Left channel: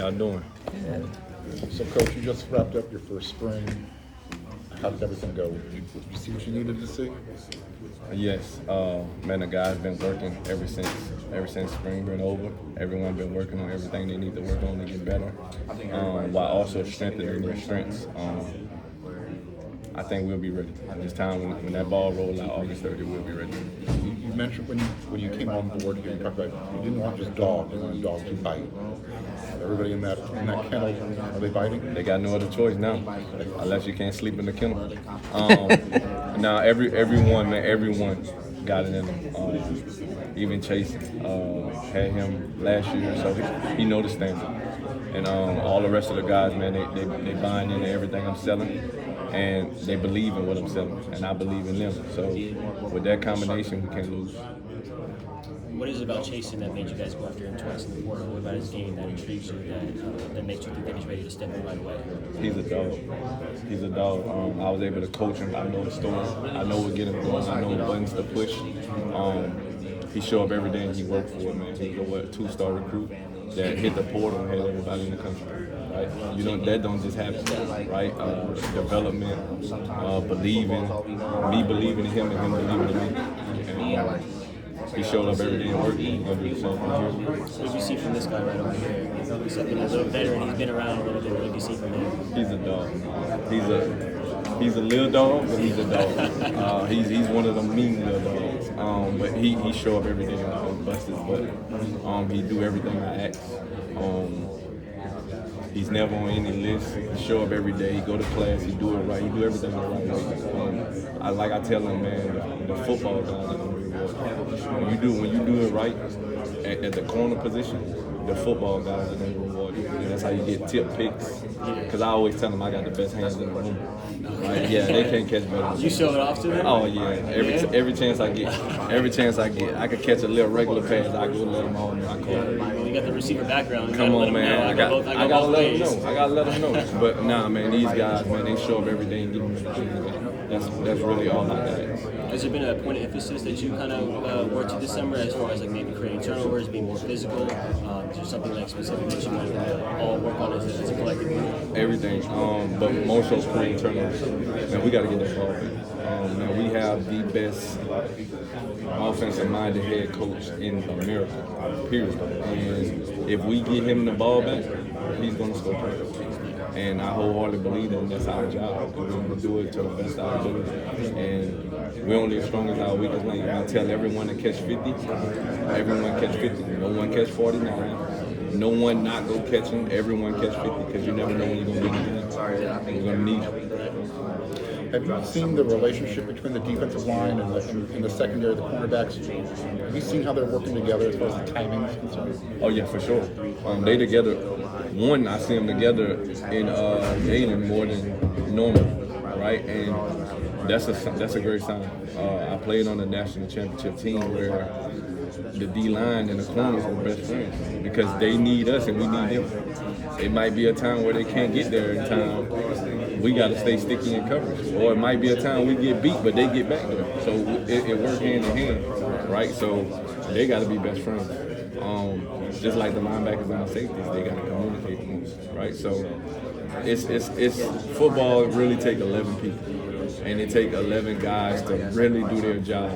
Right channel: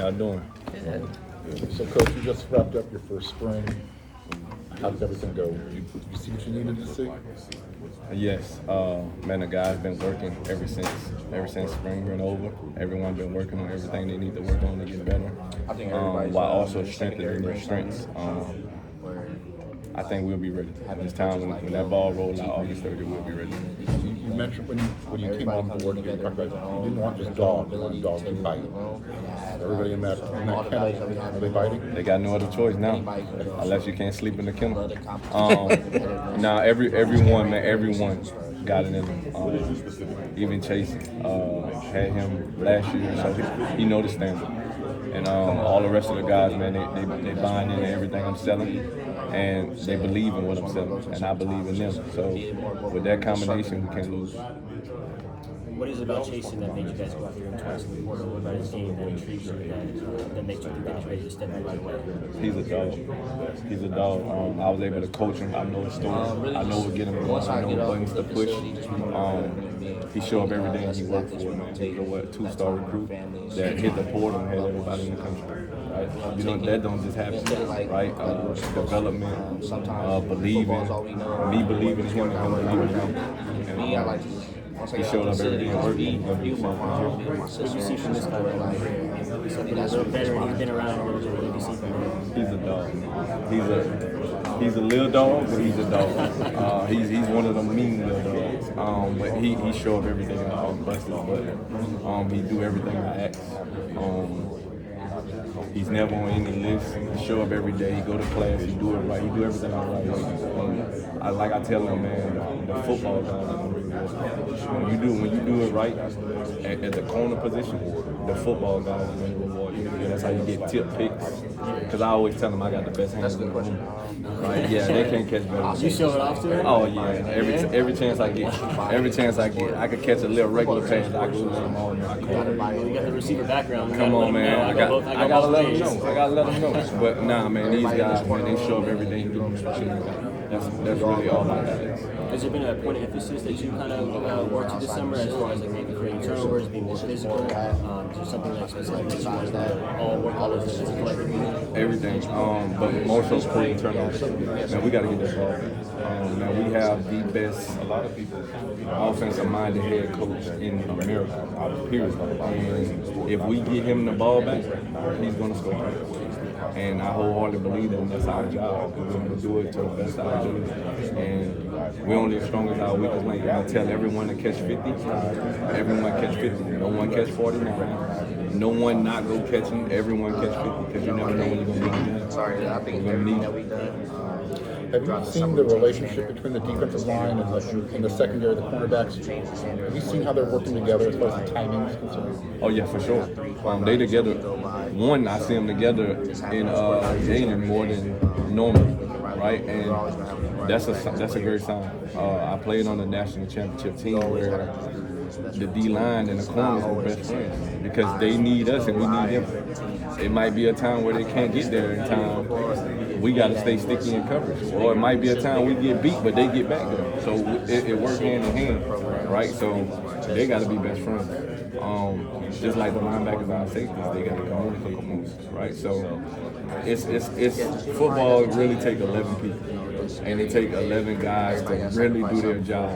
y'all doing? So, Coach, you just wrapped up your first spring. How did everything go? Did you see what you needed to see? Yes, man, the guys been working ever since spring been over. Everyone been working on everything they need to work on to get better, while also strengthening their strengths. I think we'll be ready. This time when that ball rolls out August 30th, we'll be ready. You mentioned when you came on board, you talked about you didn't want just dogs, you wanted dogs to bite. Everybody in that kennel, are they biting? They got no other choice now, unless you can't sleep in the kennel. Now everyone got it in them. Even Chase had him last year, so he know the standard. And all the rest of the guys, man, they buying into everything I'm selling, and they believe in what I'm selling, and I believe in them. So with that combination, we can't lose. What is it about Chasen that made you guys go after him twice in the portal? What about his game that intrigues you, that makes you think that he's ready to step in right away? He's a dog. He's a dog. I was able to coach him. I know the story. I know what get him going. I know what buttons to push. He show up every day and he worked for it, man. He was a 2-star recruit that hit the portal and had everybody in the country. Right? That don't just happen, right? Development, believing, me believing in him and him believing in me. And, he showed up every day and worked. He's gonna do the same thing here. What did you see from this guy right over here? He's something a little veteran. He's been around a little bit. What did you see from him? He's a dog. He's a little dog, but he's a dog. He's one of them mean little dogs. But he show up every day and bust his butt. He do everything I ask. He's never on any list. He show up every day. He go to class. He do it right. He do everything the right way. Like I tell him, man, the football guys are gonna reward you. When you do it right at the corner position, the football guys are gonna reward you. And that's how you get tip picks. Because I always tell them I got the best hands in the room. Right? Yeah, they can't catch better than me. You show it off to them? Oh yeah. Every chance I get, I could catch a little regular pass. I go let them all know. I call them. You got the receiver background. Come on, man. I gotta let them know. I gotta let them know. But nah, man, these guys, man, they show up every day and give me everything. That's really all I got. Has there been a point of emphasis that you kind of worked to this summer as far as like maybe creating turnovers, being more physical? Is there something like specific that you wanted them to all work on as a collective group? Everything, but more so creating turnovers. Man, we got to get that ball back. Now we have the best offensive-minded head coach in America, period. And if we get him the ball back, he's going to score points. And I wholeheartedly believe that that's our job. We're going to do it to the best of our ability. And we're only as strong as our weakest link. I tell everyone to catch 50. Everyone catch 50. No one catch 49. No one not go catching. Everyone catch 50 because you never know when you're going to be in the game. We're going to need it. Have you seen the relationship between the defensive line and the secondary, the cornerbacks? Have you seen how they're working together as far as the timing is concerned? Oh yeah, for sure. They together. One, I see them together in Galen more than normal, right? And that's a great sign. I played on the national championship team where the D-line and the corners were best friends because they need us and we need them. It might be a time where they can't get there in time. We got to stay sticky in coverage. Or it might be a time we get beat, but they get back there. So it works hand in hand, right? So they got to be best friends. Just like the linebackers and the safeties, they got to communicate the most, right? So it's football really take 11 people, and it take 11 guys to really do their job.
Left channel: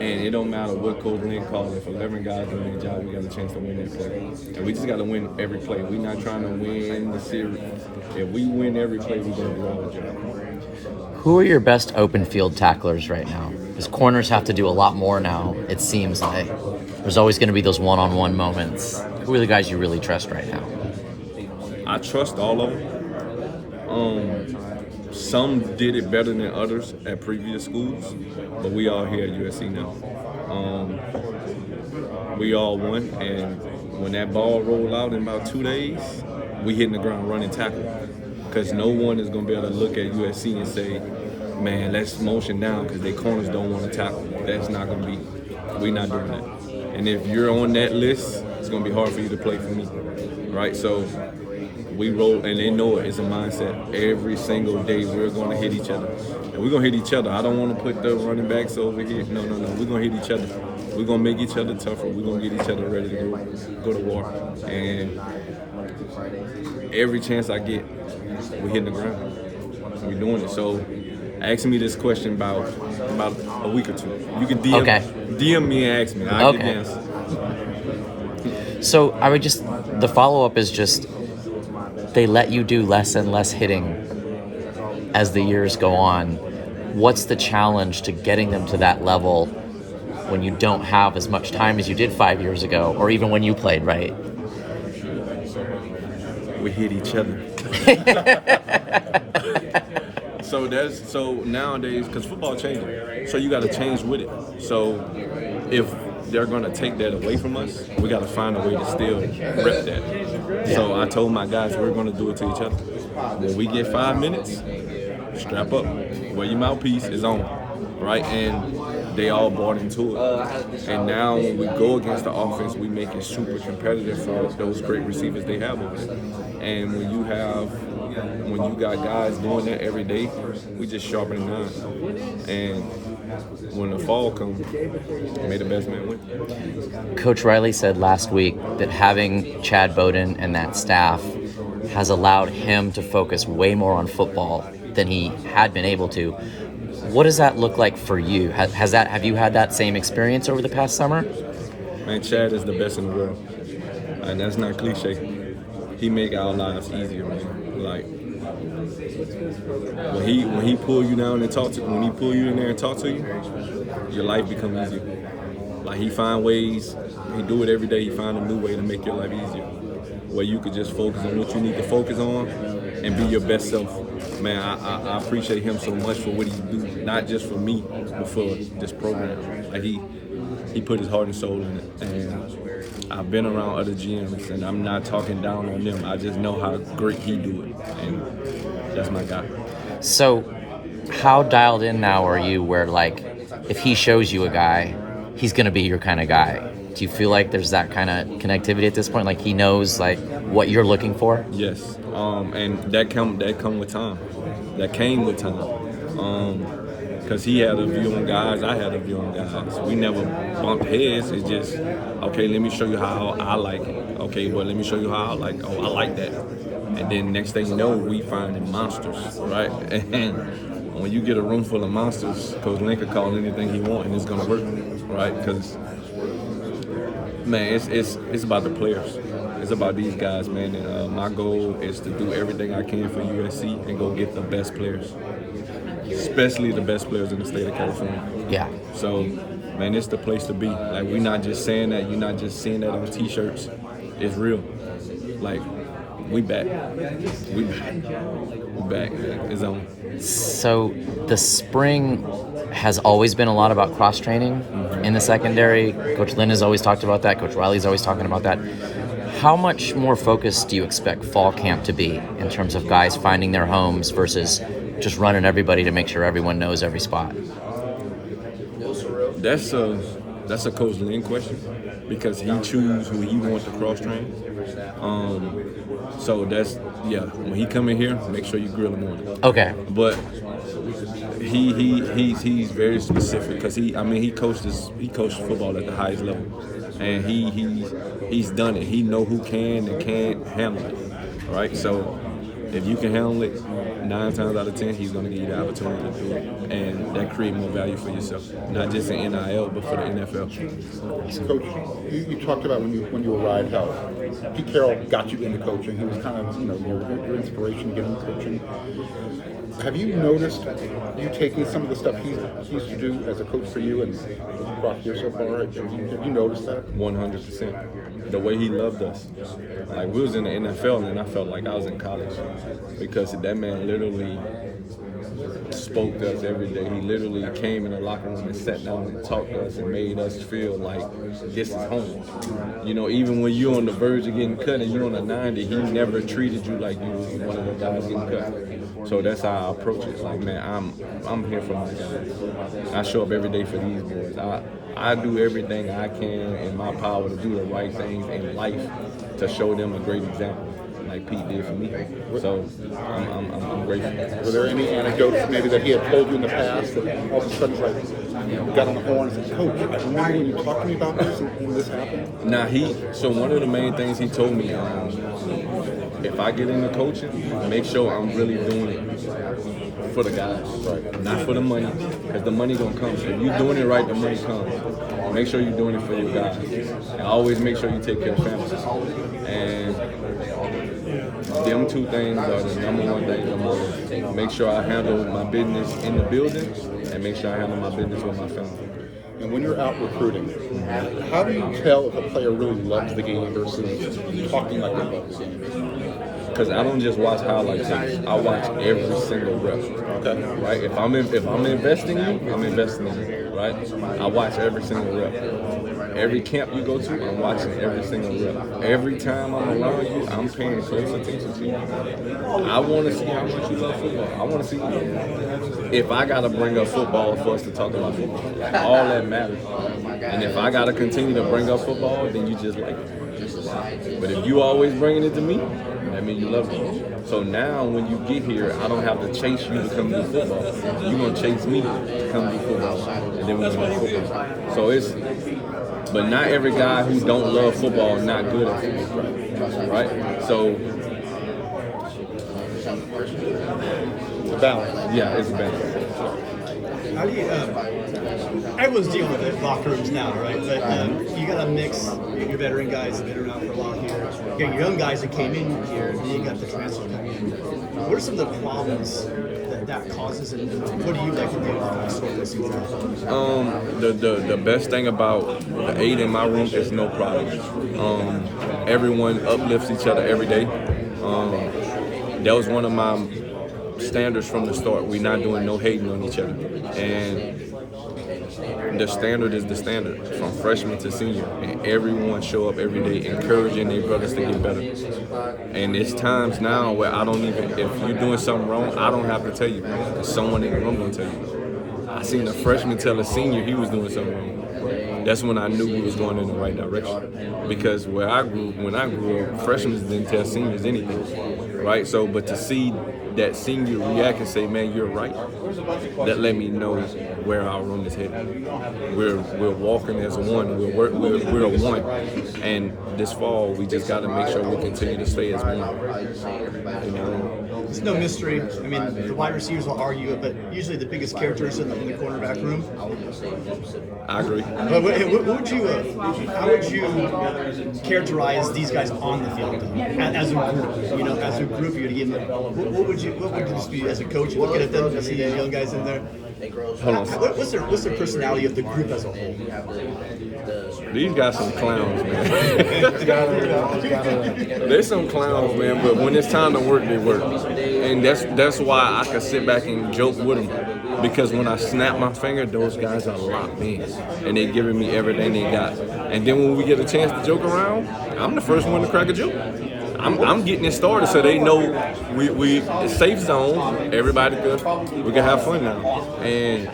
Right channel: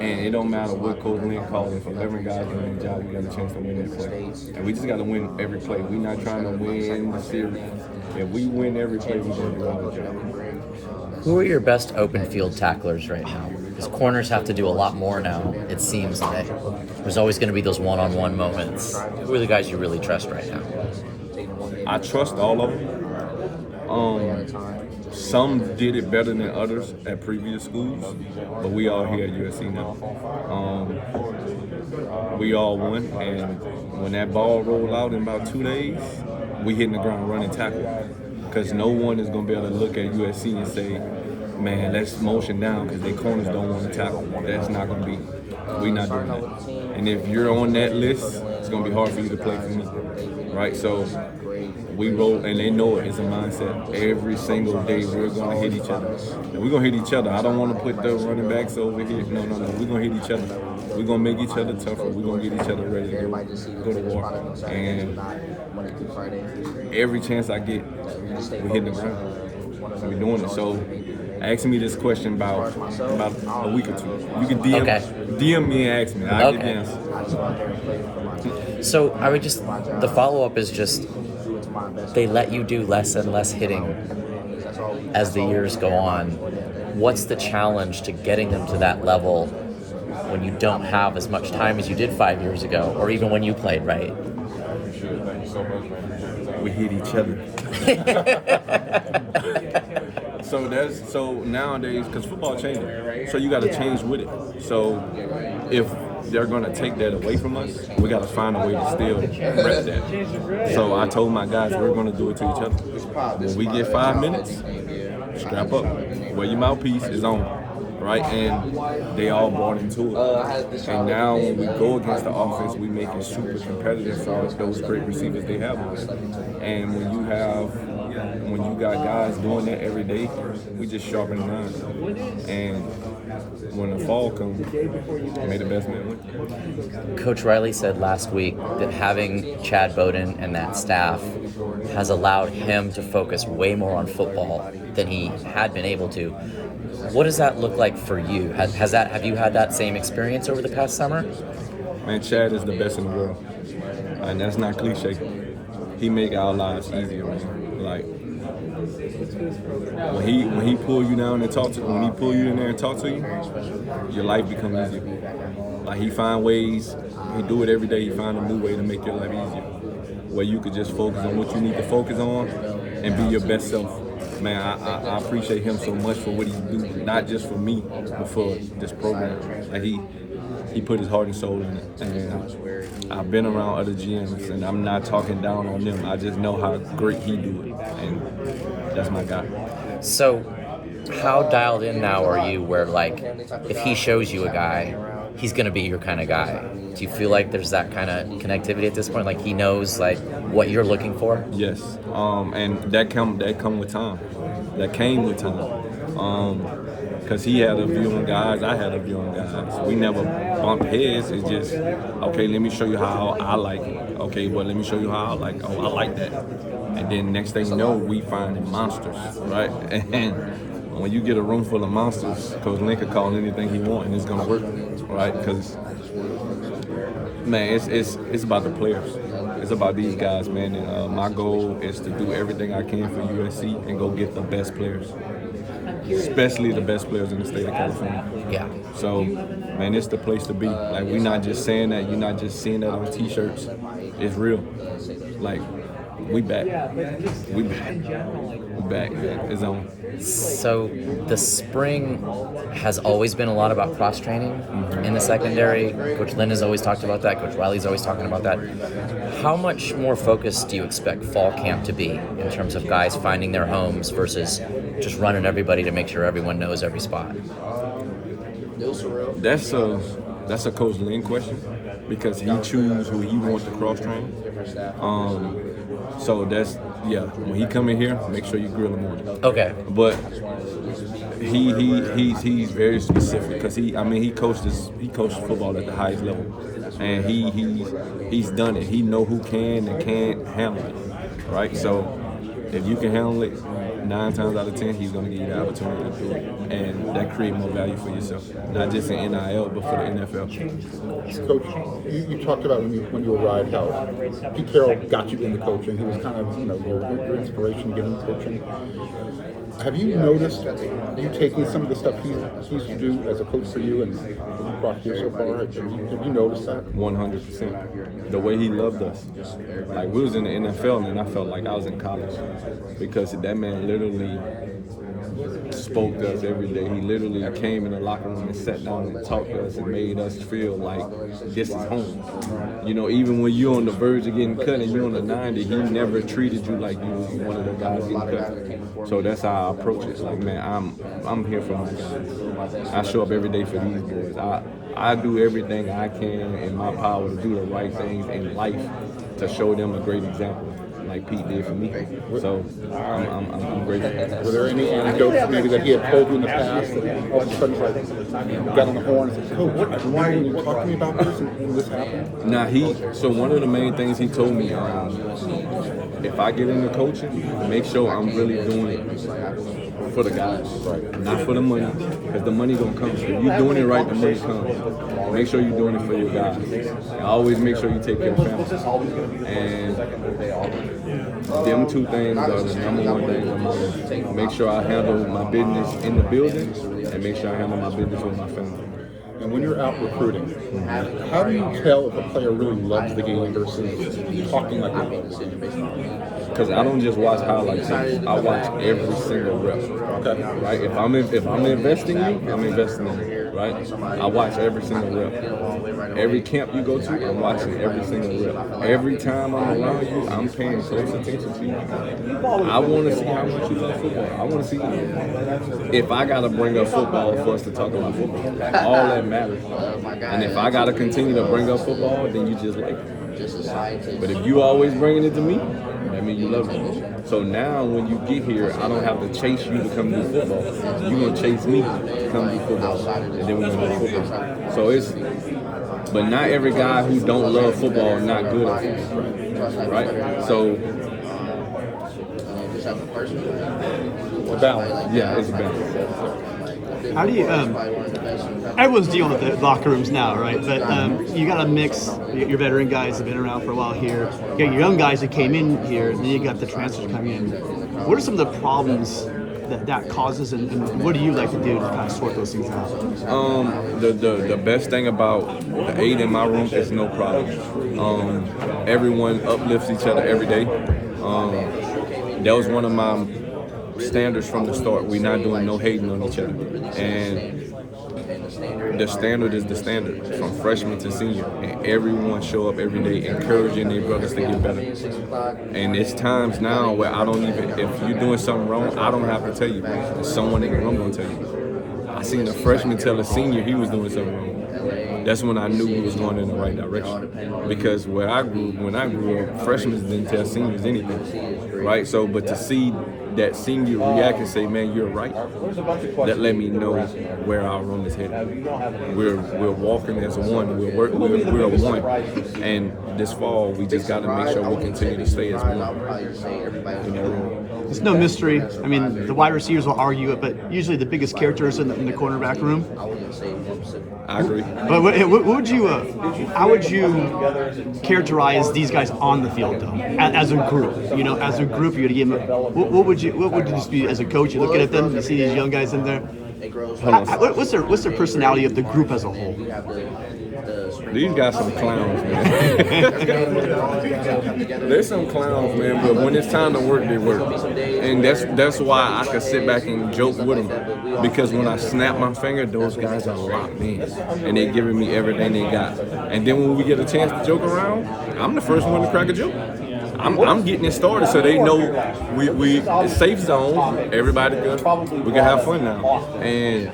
And it don't matter what Coach Lynn calls. If 11 guys doing their job, we got a chance to win that play. And we just got to win every play. We're not trying to win the series. If we win every play, we're going to do our job. Who are your best open field tacklers right now? Because corners have to do a lot more now, it seems like. There's always going to be those one-on-one moments. Who are the guys you really trust right now? I trust all of them. Some did it better than others at previous schools, but we all here at USC now. We all won, and when that ball rolled out in about 2 days, we hitting the ground running tackle. Because no one is going to be able to look at USC and say, man, let's motion down because their corners don't want to tackle. That's not going to be. We're not doing that. And if you're on that list, it's going to be hard for you to play for me, right? So we roll, and they know it. It's a mindset. Every single day we're going to hit each other. And we're going to hit each other. I don't want to put the running backs over here. No. We're going to hit each other. We're going to make each other tougher. We're going to get each other ready to go to war. And every chance I get, we're hitting the ground. We're doing it. So ask me this question about a week or two. You can DM me and ask me. I'll give you the answer. So I would just, the follow-up is just, they let you do less and less hitting as the years go on. What's the challenge to getting them to that level when you don't have as much time as you did 5 years ago, or even when you played, right? We hit each other. So nowadays, because football changing, so you got to change with it. So if they're going to take that away from us, we got to find a way to still rep that. So I told my guys we're going to do it to each other. When we get 5 minutes, strap up. Wear your mouthpiece is on, right? And they all bought into it. And now when we go against the offense, we make it super competitive for those great receivers they have over there. And when you got guys doing that every day, we just sharpen the knives. And when the fall comes, may the best man win. Coach Riley said last week that having Chad Bowden and that staff has allowed him to focus way more on football than he had been able to. What does that look like for you? Have you had that same experience over the past summer? Man, Chad is the best in the world. And that's not cliche. He make our lives easier, man. Like when he pull you down and talk to when he pull you in there and talk to you, your life become easier. Like he find ways, he do it every day, he find a new way to make your life easier. Where you could just focus on what you need to focus on and be your best self. Man, I appreciate him so much for what he do, not just for me, but for this program. Like he put his heart and soul in it. And I've been around other GMs, and I'm not talking down on them. I just know how great he do it, and that's my guy. So how dialed in now are you where, like, if he shows you a guy, he's going to be your kind of guy? Do you feel like there's that kind of connectivity at this point? Like he knows like what you're looking for? Yes, and that come with time. That came with time. Because he had a view on guys, I had a view on guys. We never bumped heads. It's just, okay, let me show you how I like it. Okay, well, let me show you how I like it. Oh, I like that. And then next thing you know, we finding monsters, right? And when you get a room full of monsters, Coach Link can call anything he wants, and it's going to work, right? Because, man, it's about the players. It's about these guys, man. And my goal is to do everything I can for USC and go get the best players. Especially the best players in the state of California. Yeah. So, man, it's the place to be. Like, we're not just saying that. You're not just seeing that on T-shirts. It's real. Like, we back. We back, man. It's on. So the spring has always been a lot about cross-training in the secondary. Coach Lynn has always talked about that. Coach Riley's always talking about that. How much more focused do you expect fall camp to be in terms of guys finding their homes versus just running everybody to make sure everyone knows every spot? That's a Coach Lynn question because he chooses who he wants to cross-train. So that's, yeah, when he come in here, make sure you grill him on it. Okay. But he's very specific because he coached football at the highest level, and he's done it. He know who can and can't handle it, right? So if you can handle it, 9 times out of 10, he's going to give you the opportunity to do it, and that creates more value for yourself, not just in NIL, but for the NFL. Coach, you talked about when you arrived how Pete Carroll got you into coaching. He was kind of your inspiration to get into coaching. Have you noticed you taking some of the stuff he used to do as a coach for you and what you brought here so far? Have you noticed that? 100%. The way he loved us. Like, we was in the NFL and I felt like I was in college because that man literally spoke to us every day. He literally came in the locker room and sat down and talked to us and made us feel like this is home. Even when you're on the verge of getting cut and you're on the 90, he never treated you like you was one of the guys getting cut. So that's how I approach it. Like, man, I'm here for my guys. I show up every day for these boys. I do everything I can in my power to do the right things in life to show them a great example, like Pete did for me. So I'm grateful. Were there any anecdotes maybe that he had told you in the past that all of a sudden like you got on the horn and said, Coach, I remember when you talked to me about this and this happened? So one of the main things he told me, if I get into coaching, make sure I'm really doing it for the guys, not for the money, because the money gonna come. If you're doing it right, the money comes. Make sure you're doing it for your guys, and always make sure you take care of families. And them two things are the number one things on my list. Make sure I handle my business in the building, and make sure I handle my business with my family. And when you're out recruiting, how do you tell if a player really loves the game versus talking like they love the game? Because I don't just watch highlight tapes. I watch every single rep. Okay. Right? If I'm investing in you, I'm investing in you. Right? I watch every single rep. Every camp you go to, I'm watching every single rep. Every time I'm around you, I'm paying close attention to you. I want to see how much you love football. I want to see if I got to bring up football for us to talk about football. Like, all that matters. And if I got to continue to bring up football, then you just like it. But if you always bringing it to me, that means you love me. So now when you get here, I don't have to chase you to come do football. You're going to chase me to come do football. And then we're going to do football. So but not every guy who don't love football is not good at football, right? So, balance. Yeah, it's a balance. How do you, everyone's dealing with it, locker rooms now, right? But you got to mix your veteran guys that have been around for a while here. You got your young guys that came in here, and then you got the transfers coming in. What are some of the problems that causes, and what do you like to do to kind of sort those things out? The best thing about the 8 in my room is no problem. Everyone uplifts each other every day. That was one of my standards from the start. We're not doing no hating on each other. And the standard is the standard from freshman to senior. And everyone show up every day encouraging their brothers to get better. And it's times now where I don't even, if you're doing something wrong, I don't have to tell you. There's someone in the room gonna tell you. I seen a freshman tell a senior he was doing something wrong. That's when I knew we was going in the right direction. Because when I grew up, freshmen didn't tell seniors anything, right? So, but to see that senior react and say, "Man, you're right," that let me know where our room is headed. We're walking as one. We're a one. And this fall, we just got to make sure we continue to stay as one in that room. It's no mystery. I mean, the wide receivers will argue it, but usually the biggest characters in the cornerback room. I agree. But what would you? How would you characterize these guys on the field, though, as a group? You know, as a group, you'd give them. What would this be as a coach? You're looking at them, you see these young guys in there. What's their personality of the group as a whole? These guys some clowns, man. They're some clowns, man. But when it's time to work, they work, and that's why I can sit back and joke with them. Because when I snap my finger, those guys are locked in, and they're giving me everything they got. And then when we get a chance to joke around, I'm the first one to crack a joke. I'm getting it started so they know we it's safe zone. Everybody good. We can have fun now. And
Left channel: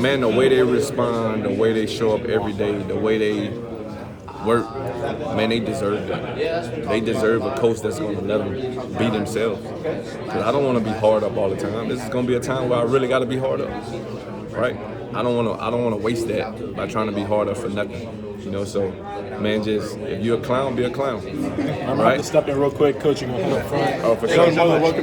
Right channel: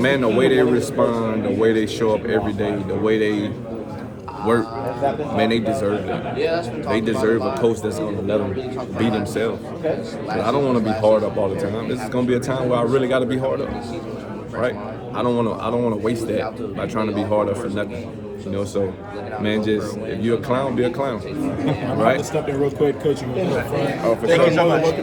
man, the way they respond, the way they show up every day, the way they work, man, they deserve that. They deserve a coach that's going to let them be themselves. Because I don't want to be hard up all the time. This is going to be a time where I really got to be hard up, right? I don't want to waste that by trying to be hard up for nothing. You know, so man, just if you're a clown, be a clown, right? Step in real quick, coach. You want to hold it front. Oh, for sure. Welcome to